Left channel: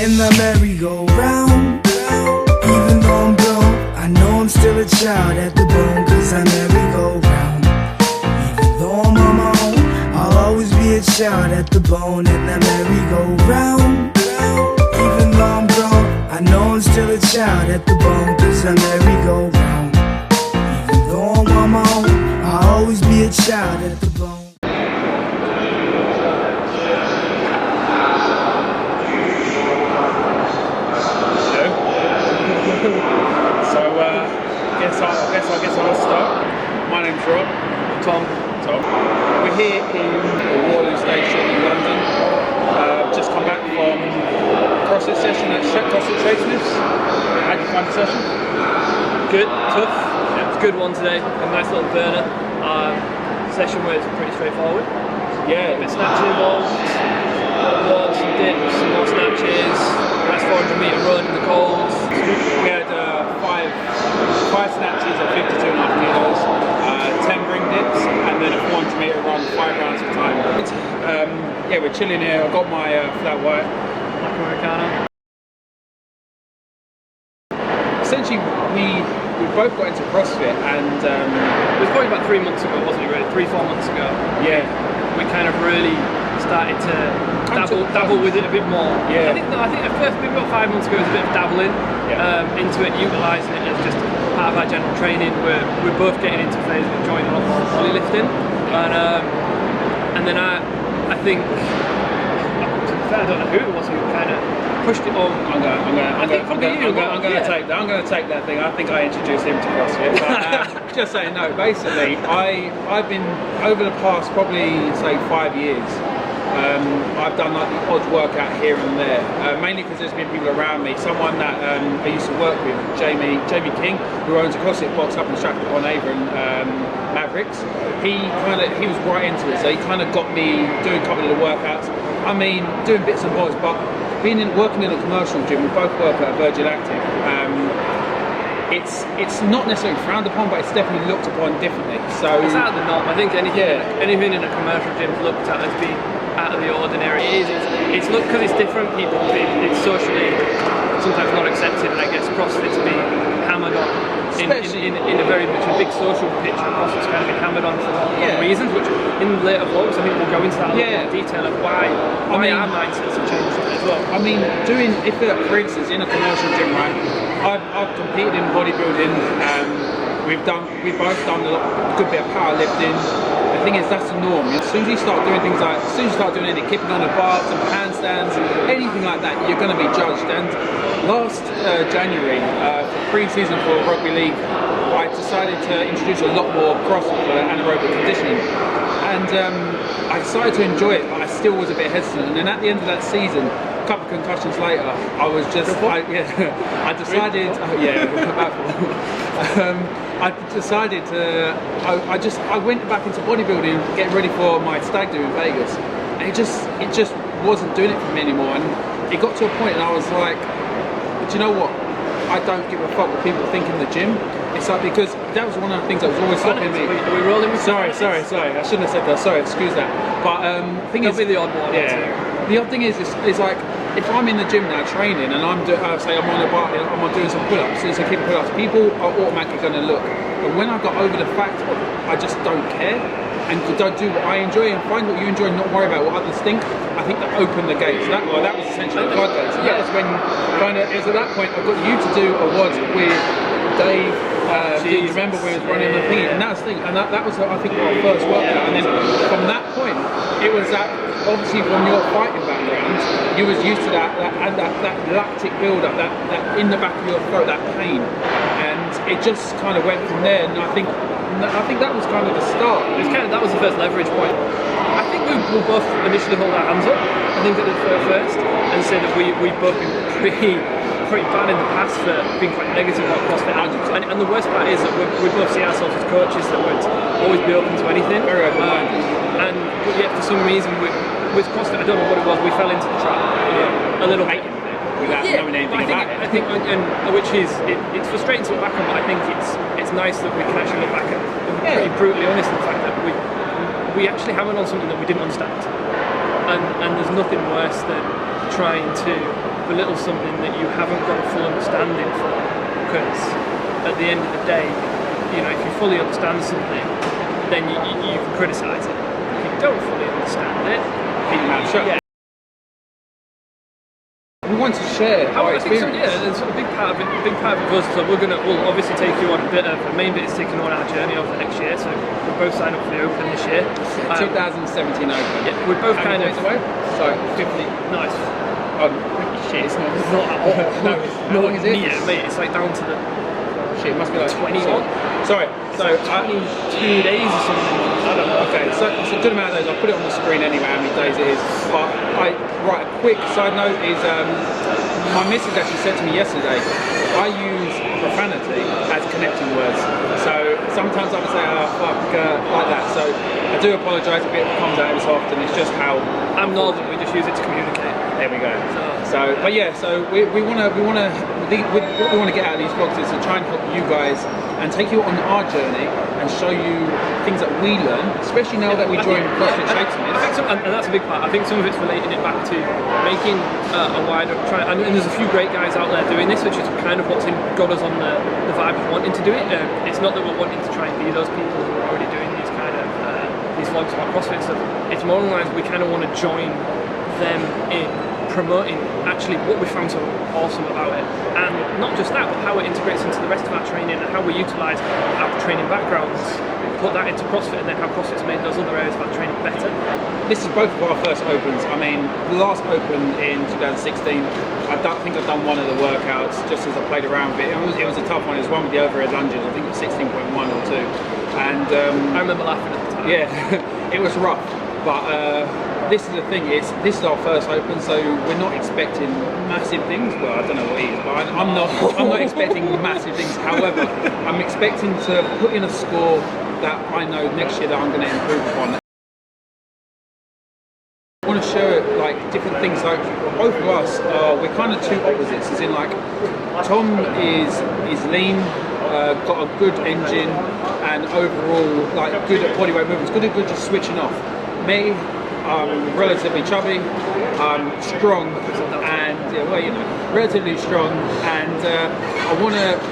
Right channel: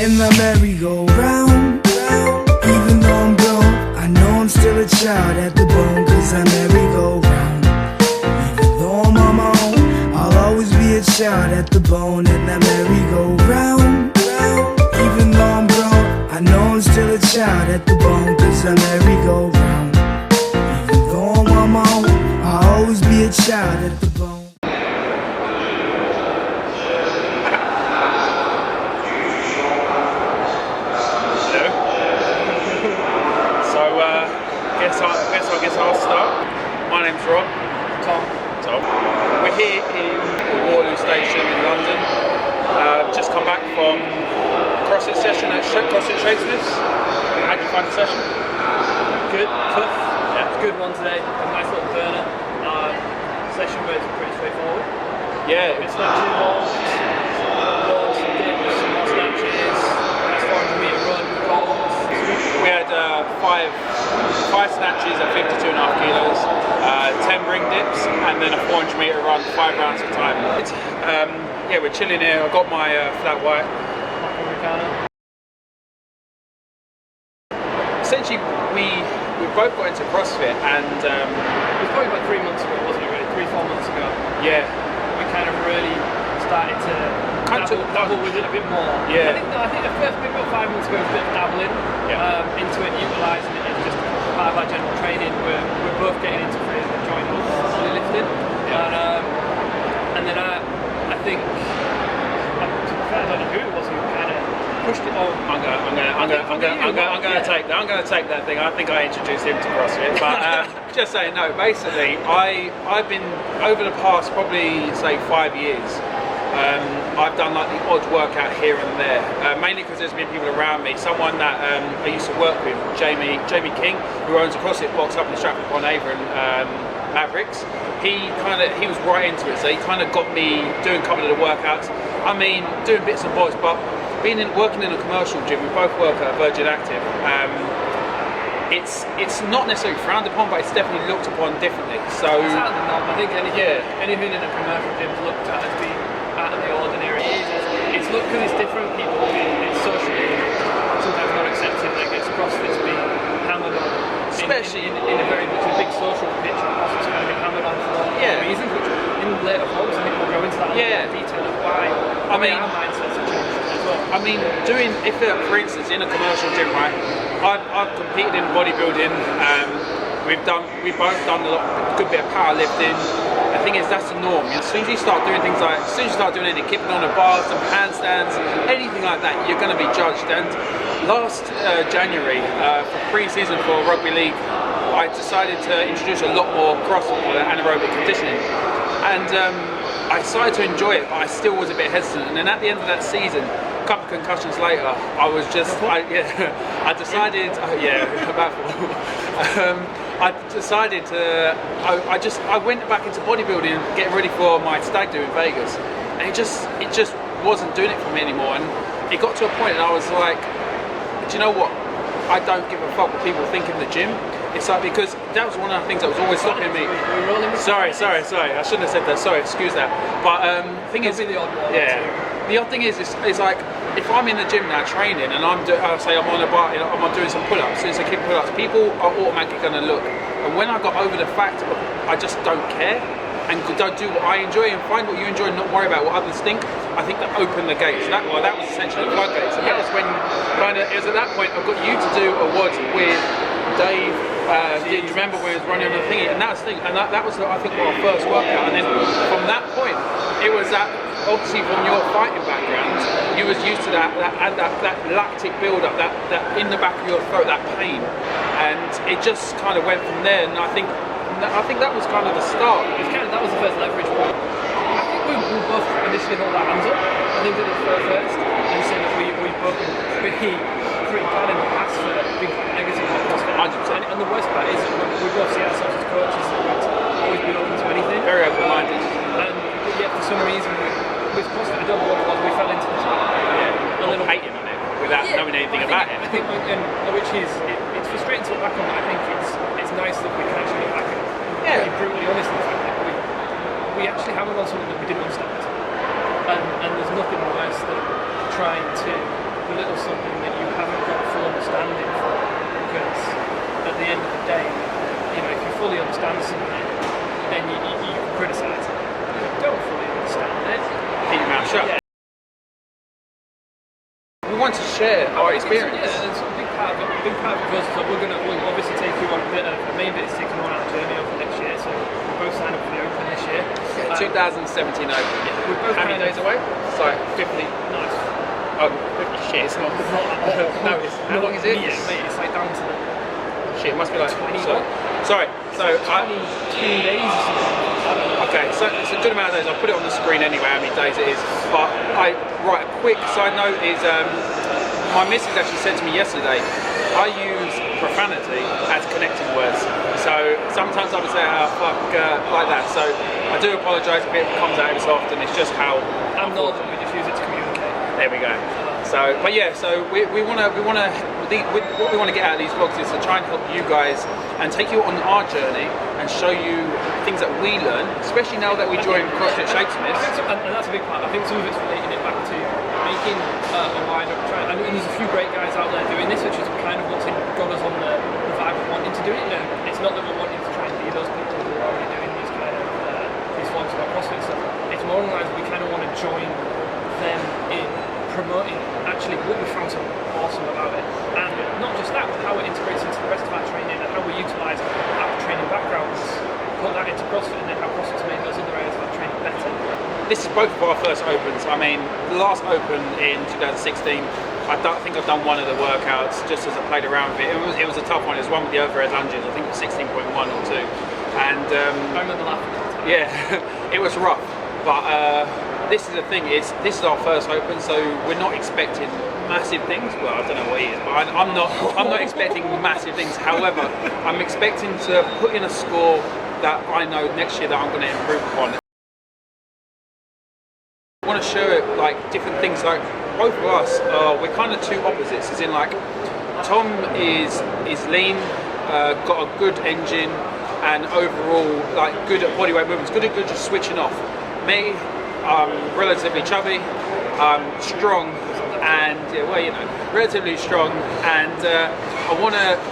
in the merry-go-round. Even though I'm grown, I know I'm still a child at the bone, cause I merry-go-round. Even though I'm on my own, I'll always be a child at the bone in the merry-go-round. Even though I'm grown, I know I'm still a child at the bone, cause I merry-go-round. Even though I'm on my own, I'll always be a child at the bone. I guess I'll start. My name's Rob. Tom. We're here in Waterloo Station in London. Just come back from CrossFit session at CrossFit FlatWhiteFitness. How did you find the session? Good, tough. Yeah. It's a good one today. A nice little burner. Session was pretty straightforward. Yeah. A bit of snatching involved. Loads, some dips, some more snatches. Nice 400 metre run in the cold. We had five snatches at 52.5 kilos, 10 ring dips, and then a 400 metre run, 5 rounds of time. Yeah, we're chilling here. I've got my flat white. Black Americano. Essentially, we both got into CrossFit, and it was probably about 3 months ago, wasn't it? Really, 3-4 months ago. Yeah. We kind of really started to dabble with it a bit more. Yeah. I think the first maybe about 5 months ago was a bit of dabbling into it, utilising it as just part of our general training. We're both getting into phase of enjoying a lot more ollie lifting, and then I think I don't know who it was who kind of pushed it on. I'm gonna take that thing. I think I introduced him to CrossFit, but just saying no. Basically, I've been over the past probably say 5 years. I've done like the odd workout here and there, mainly because there's been people around me. Someone that I used to work with, Jamie King, who owns a CrossFit box up in Stratford-upon-Avon, Mavericks. He was right into it, so he kind of got me doing a couple of the workouts. I mean, doing bits and bobs, but working in a commercial gym. We both work at Virgin Active. It's not necessarily frowned upon, but it's definitely looked upon differently. So it's out of the norm. I think anything in a commercial gym is looked at as being out of the ordinary. It's looked because it's different. People, it's socially sometimes not accepted, and I guess CrossFit's been hammered on, especially in a very much a big social pitch. CrossFit's kind of been hammered on for reasons, which in later vlogs I think we'll go into that a little more detail of why our mindsets have changed as well. I mean, for instance, in a commercial gym, right? I've competed in bodybuilding. We've both done a good bit of powerlifting. The thing is, that's the norm. As soon as you start doing things like, any kipping on the bars, some handstands, anything like that, you're going to be judged. And last January, for pre-season for rugby league, I decided to introduce a lot more CrossFit for anaerobic conditioning. And I started to enjoy it, but I still was a bit hesitant. And then at the end of that season, a couple of concussions later, I was just, I decided, about 4. I decided to, I went back into bodybuilding, getting ready for my stag do in Vegas, and it just wasn't doing it for me anymore. And it got to a point, and I was like, do you know what? I don't give a fuck what people think in the gym. It's like, because that was one of the things that was always stopping me. Are we rolling with Sorry. I shouldn't have said that. Sorry, excuse that. But thing is, be the odd one. Yeah. The odd thing is like, if I'm in the gym now training and I'm on a bar, I'm doing some pull-ups, so keep pull-ups, people are automatically going to look. But when I got over the fact of I just don't care and don't do what I enjoy and find what you enjoy and not worry about what others think, I think that opened the gates. That was essentially the floodgates. And that was when it was at that point I got you to do a WOD with Dave. Do you remember when he was running on the thingy? And that was I think our first workout. And then from that point, it was that. Obviously, from your fighting background, you was used to that lactic build-up, that in the back of your throat, that pain, and it just kind of went from there. And I think that was kind of the start. That was the first leverage point. I think we both initially hold our hands up. I think at the first, and say that we've both been pretty bad in the past for being quite negative about CrossFit. And the worst part is that we both see ourselves as coaches that would always be open to anything. Very open-minded. But yet, for some reason, with CrossFit, I don't know what it was, we fell into the trap. A little hating on it without knowing anything about it. I think, which is, it's frustrating to look back on, but I think it's nice that we can actually look back and be pretty brutally honest in the fact that we actually hammered on something that we didn't understand. And there's nothing worse than trying to belittle something that you haven't got a full understanding for, because at the end of the day, you know, if you fully understand something, then you can criticise it. If you don't fully understand it, keep your mouth shut. Yeah. We want to share our experience. So, yeah, it's a big part of it. A big part of us. So we'll obviously take you on a main bit is taking on our journey over the next year. So we're both signed up for the Open this year. Yeah, 2017 Open. Yeah, we're both How many days away? Sorry, 50. Nice. Oh, shit, it's not. No, it's, how long is it? Yeah, mate, it's like down to the. Shit, it must be like 20 Sorry, so 22 days or something. I don't know. Okay, so it's a good amount of days. I'll put it on the screen anyway, how many days it is. But right, a quick side note is my missus actually said to me yesterday, I use profanity as connecting words. So sometimes I would say, oh, fuck, like that. So I do apologise if it comes out every so often. It's just how I'm northern, we just use it to communicate. There we go. So, but yeah, so we want to what we want to get out of these vlogs is to try and help you guys and take you on our journey and show you things that we learn, especially now that we join CrossFit Shapesmiths. And that's a big part. I think some of it's relating it back to making a wider try. And there's a few great guys out there doing this, which is kind of what's got us on the vibe of wanting to do it. It's not that we're wanting to try and be those people who are already doing these kind of these vlogs about CrossFit stuff. It's more along the lines we kind of want to join them in promoting actually what we found so awesome about it, and not just that, but how it integrates into the rest of our training and how we utilise our training backgrounds, put that into CrossFit, and then how CrossFit's made those other areas of our training better. This is both of our first Opens. I mean, the last Open in 2016, I think I've done one of the workouts just as I played around with it. It was a tough one. It was one with the overhead lunges. I think it was 16.1 or 2. And I remember laughing at the time. Yeah, it was rough, but this is the thing, this is our first Open, so we're not expecting massive things. Well, I don't know what it is, but I'm not expecting massive things. However, I'm expecting to put in a score that I know next year that I'm going to improve upon. I want to show like different things. Like both of us, we're kind of two opposites. As in, like Tom is lean, got a good engine, and overall like good at bodyweight movements, good at just switching off. Me, relatively chubby, strong, and yeah, well, you know, relatively strong, and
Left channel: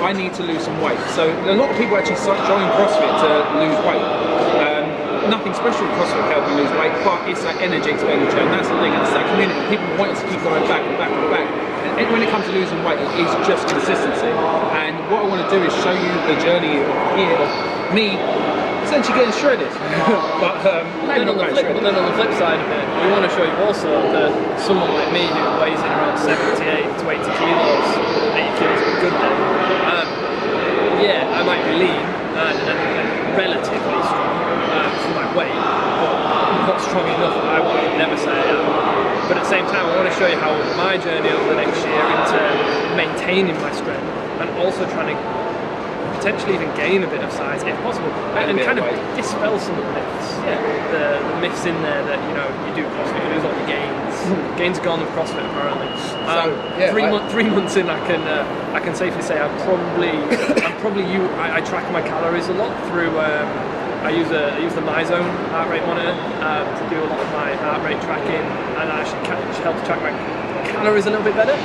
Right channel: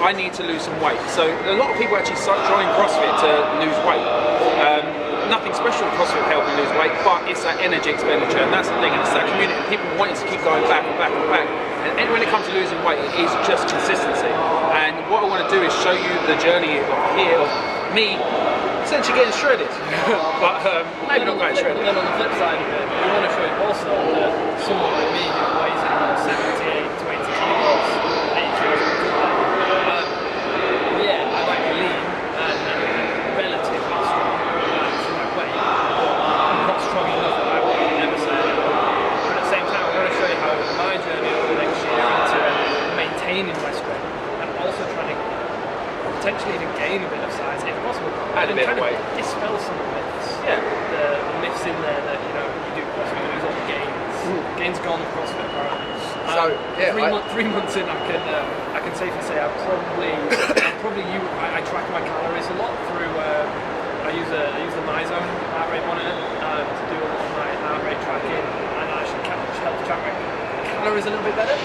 I need to lose some weight. So a lot of people actually join CrossFit to lose weight. Nothing special with CrossFit helping lose weight, but it's that energy expenditure, and that's the thing, and it's that community. People wanting to keep going back and back and back. And when it comes to losing weight, it is just consistency. And what I want to do is show you the journey of me essentially getting shredded, but maybe not quite shredded. But then on the flip side of it, we want to show you also that someone like me who weighs in around 78 to 80 kilos, 80 kilos is a good day. Yeah, I might be lean and relatively strong for my weight, but not strong enough. I would never say I am. But at the same time, I want to show you how my journey over the next year into maintaining my strength and also trying to potentially even gain a bit of size if possible, and kind of dispel some of the myths. Yeah, the myths in there that you do CrossFit, you lose all the gains. Gains are gone in CrossFit apparently. So yeah, 3 months in, I can safely say I track my calories a lot through. I use the MyZone heart rate monitor to do a lot of my heart rate tracking, and I actually help track my calories a little bit better.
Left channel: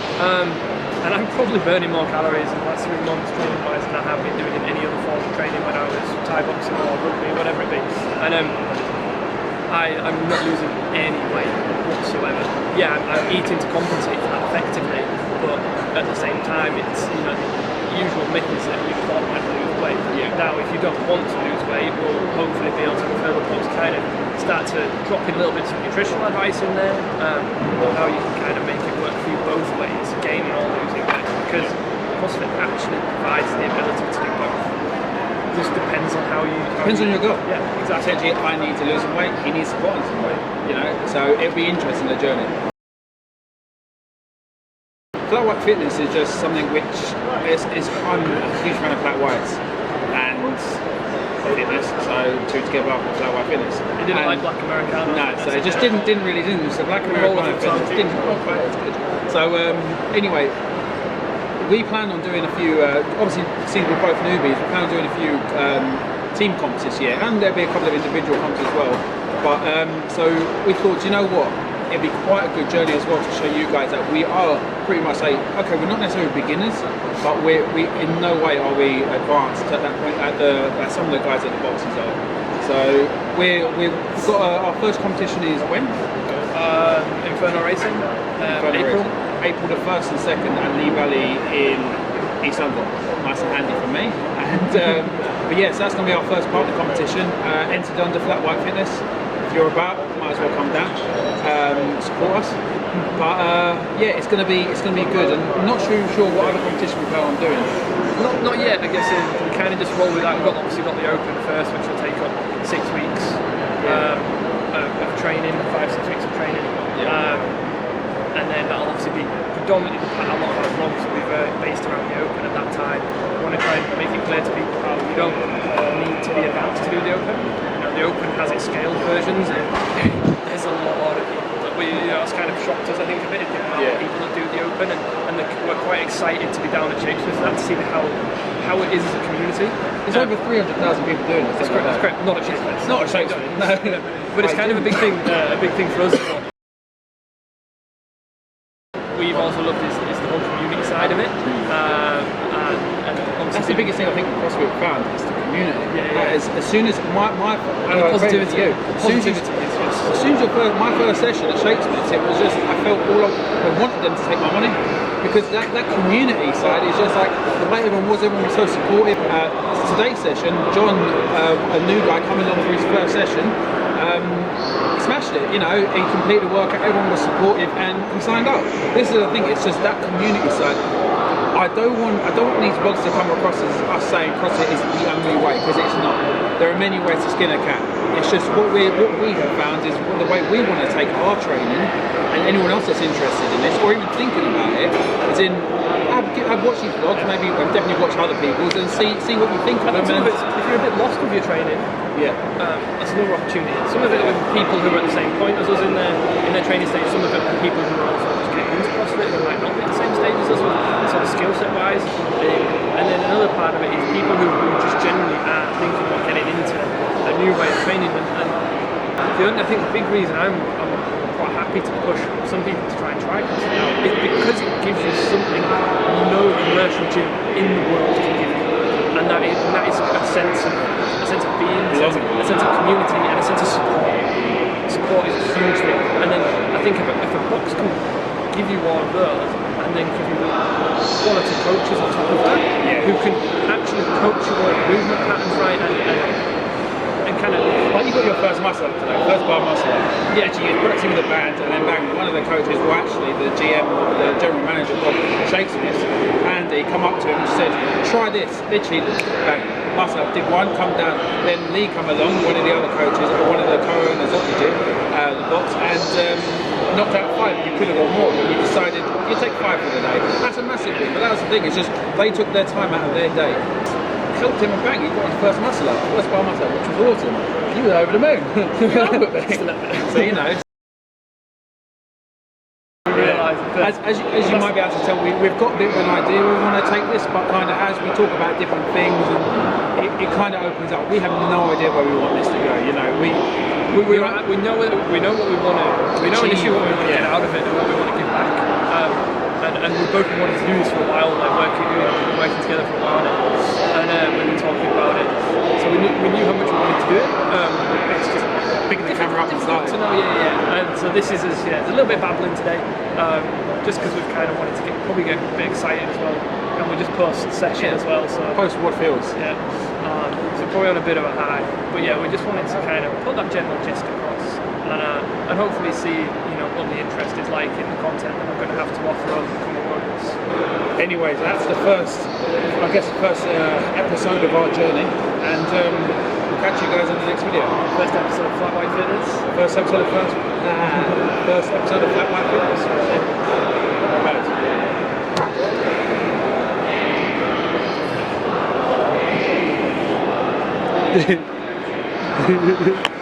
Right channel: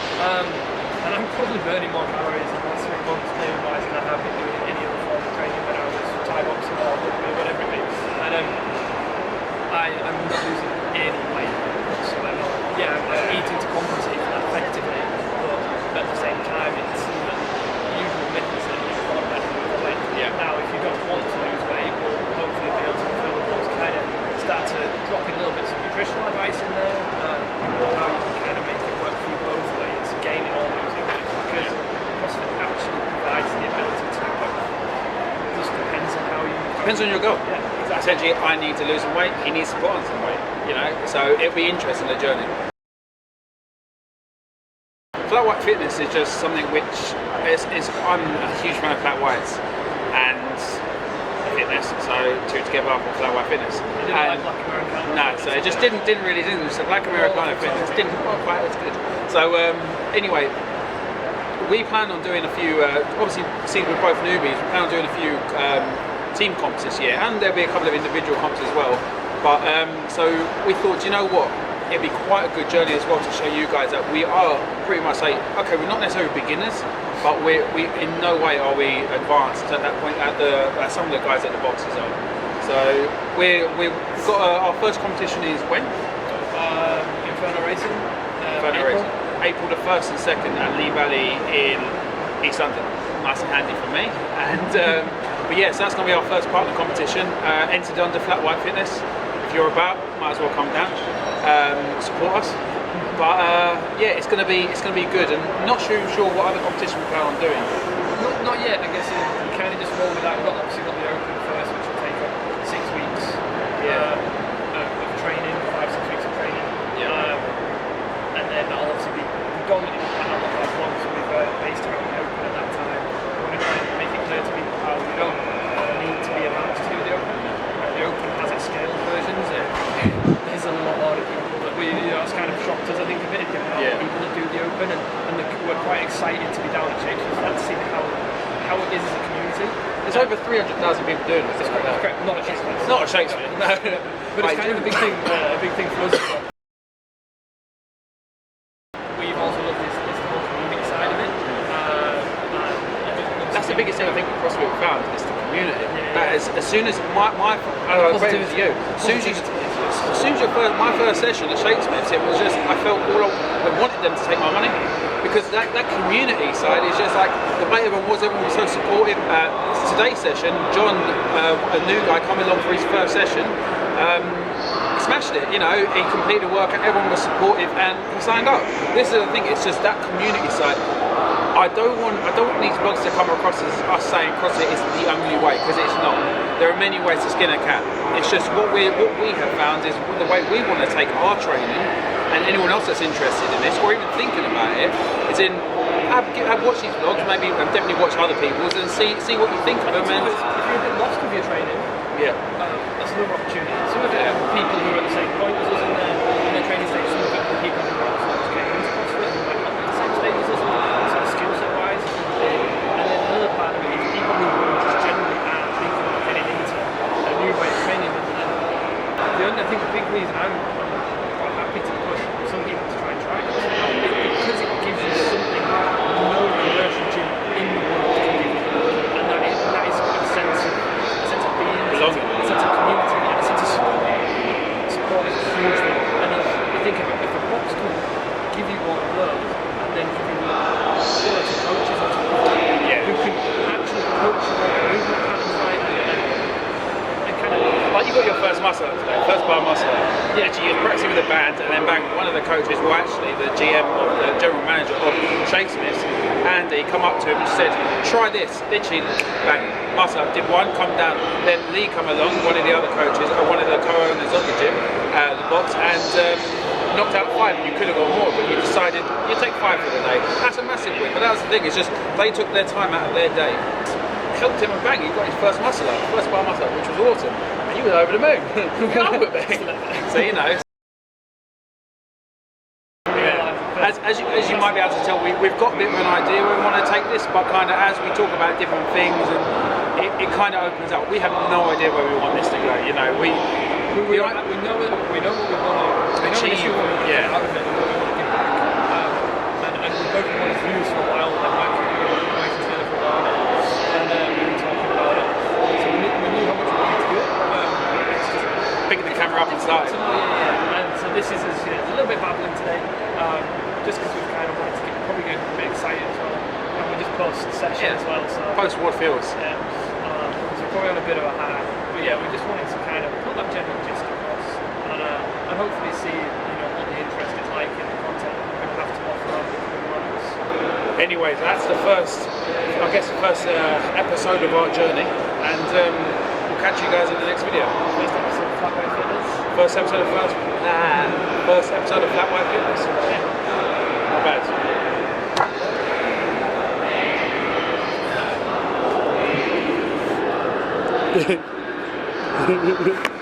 And I'm probably burning more calories in the last 3 months training wise than I have been doing in any other form of training when I was Thai boxing or rugby or whatever it be. And I'm not losing any weight whatsoever. Yeah, I'm eating to compensate for that effectively, but at the same time it's the usual myth is that you've got to lose weight. Yeah. Now if you don't want to lose weight, we'll hopefully be able to further what's kind of start to drop in little bits of nutritional advice in there, how you can kind of make it work for you both ways, gaining or losing weight, because CrossFit actually provides the ability to do both. It just depends on how you... Depends on your goal. Yeah, exactly. Essentially, I need to lose some weight, he needs to put on some weight, so it'll be interesting, the journey. FlatWhiteFitness is just something which I'm a huge fan of Flat Whites and fitness, so two together up with FlatWhiteFitness. It didn't like Black Americana. No, so it just didn't really. So Black Americana Fitness didn't quite as good. So anyway, we plan on doing a few. Obviously, since we're both newbies, we plan on doing a few team comps this year, and there'll be a couple of individual comps as well. But so we thought, you know what? it'd be quite a good journey as well to show you guys that we are pretty much like, okay, we're not necessarily beginners, but we in no way are we advanced at that point at some of the guys at the boxes are. So we've got our first competition is when? Inferno Racing. April the 1st and 2nd at Lee Valley in East London. Nice and handy for me. And but yes, that's going to be our first partner competition. Entered under FlatWhiteFitness. If you're about, might as well come down, support us. But yeah, it's going to be good. And not sure what other competition we plan on doing. Not yet. I guess we kind of just roll with that. We've obviously got the Open first, which will take up 6 weeks of training, 5-6 weeks of training. And then that'll obviously be predominantly a lot of our vlogs will be based around the Open at that time. We want to try and make it clear to people how you don't need to be advanced to do the Open. You know, the Open has its scaled versions, and there's a lot of people that it's kind of shocked us, I think, a bit, the amount of people that do the Open, and we're quite excited to be down at Shakespeare for that, to see how it is as a community. There's over 300,000 people doing it. That's correct. Not at Shakespeare. Not at Shakespeare. No. But it's kind of a big thing for us. We've also looked is the whole community side of it, and that's the biggest thing I think with CrossFit we found is the community. As soon as my positivity, as soon as my first session at Shakespeare's, it was just I felt I wanted them to take my money, because that community side is just like the way everyone was so supportive. Today's session, John, a new guy coming along for his first session. He smashed it, you know, he completed the workout, everyone was supportive and he signed up. This is the thing, it's just that community side. I don't want these vlogs to come across as us saying CrossFit is the only way, because it's not. There are many ways to skin a cat. It's just what we have found is the way we want to take our training, and anyone else that's interested in this or even thinking about it, is in I've watched these vlogs, maybe definitely watch other people's and see what you think of them. And if you're a bit lost with your training, that's another opportunity. Some of it are people who are at the same point as us in their training stage. Some of it are people who are also just getting into CrossFit who might not be at the same stage as us, sort of skill set wise. And then another part of it is people who just generally are thinking of getting into a new way of training. And I think the big reason I'm quite happy to push some people to try CrossFit now is because it gives you something no commercial gym in the world can give you, and that is a sense of being, a sense of community, and a sense of support. Support is a huge thing, and then I think if a box can give you all of those, and then give you quality coaches on top of that, who can actually coach your movement patterns right and kind of like you got your first muscle up today, first bar muscle up. Yeah, you practicing with a band, and then bang, one of the coaches, well actually the GM of the general manager of Shakespeare's, Andy, come up to him and said, try this, literally bang, muscle up, did one, come down, then Lee come along, one of the other coaches, or one of the co-owners of the gym, the box, and knocked out 5, and you could have got more, but you decided you take 5 for the day. That's a massive win, but that was the thing, it's just they took their time out of their day. Helped him and bang, he got his first muscle up, first bar muscle up, which was awesome. And you were over the moon. So you know. As you might be able to tell, we've got a bit of an idea we want to take this, but kind of as we talk about different things, and it kind of opens up. We have no idea where we want this to go. You know, we know what we want to. We know initially what we want to get out of it and what we want to give back. And we both wanted to do this for a while. Like working together for a while now, and we've been talking about it. So we knew how much we wanted to do it. It's just picking the camera up and starting. So and so this is it's a little bit babbling today, just because we've kind of wanted to probably get a bit excited as well, and we just post session as well. So post what feels. Yeah. So probably on a bit of a high, but yeah, we just wanted to kind of put that general gist across, and hopefully see what the interest is like in the content that we're going to have to offer over the coming months. Anyways, that's the first episode of our journey, and we'll catch you guys in the next video. First episode of FlatWhiteFitness. First episode of FlatWhiteFitness. Not bad.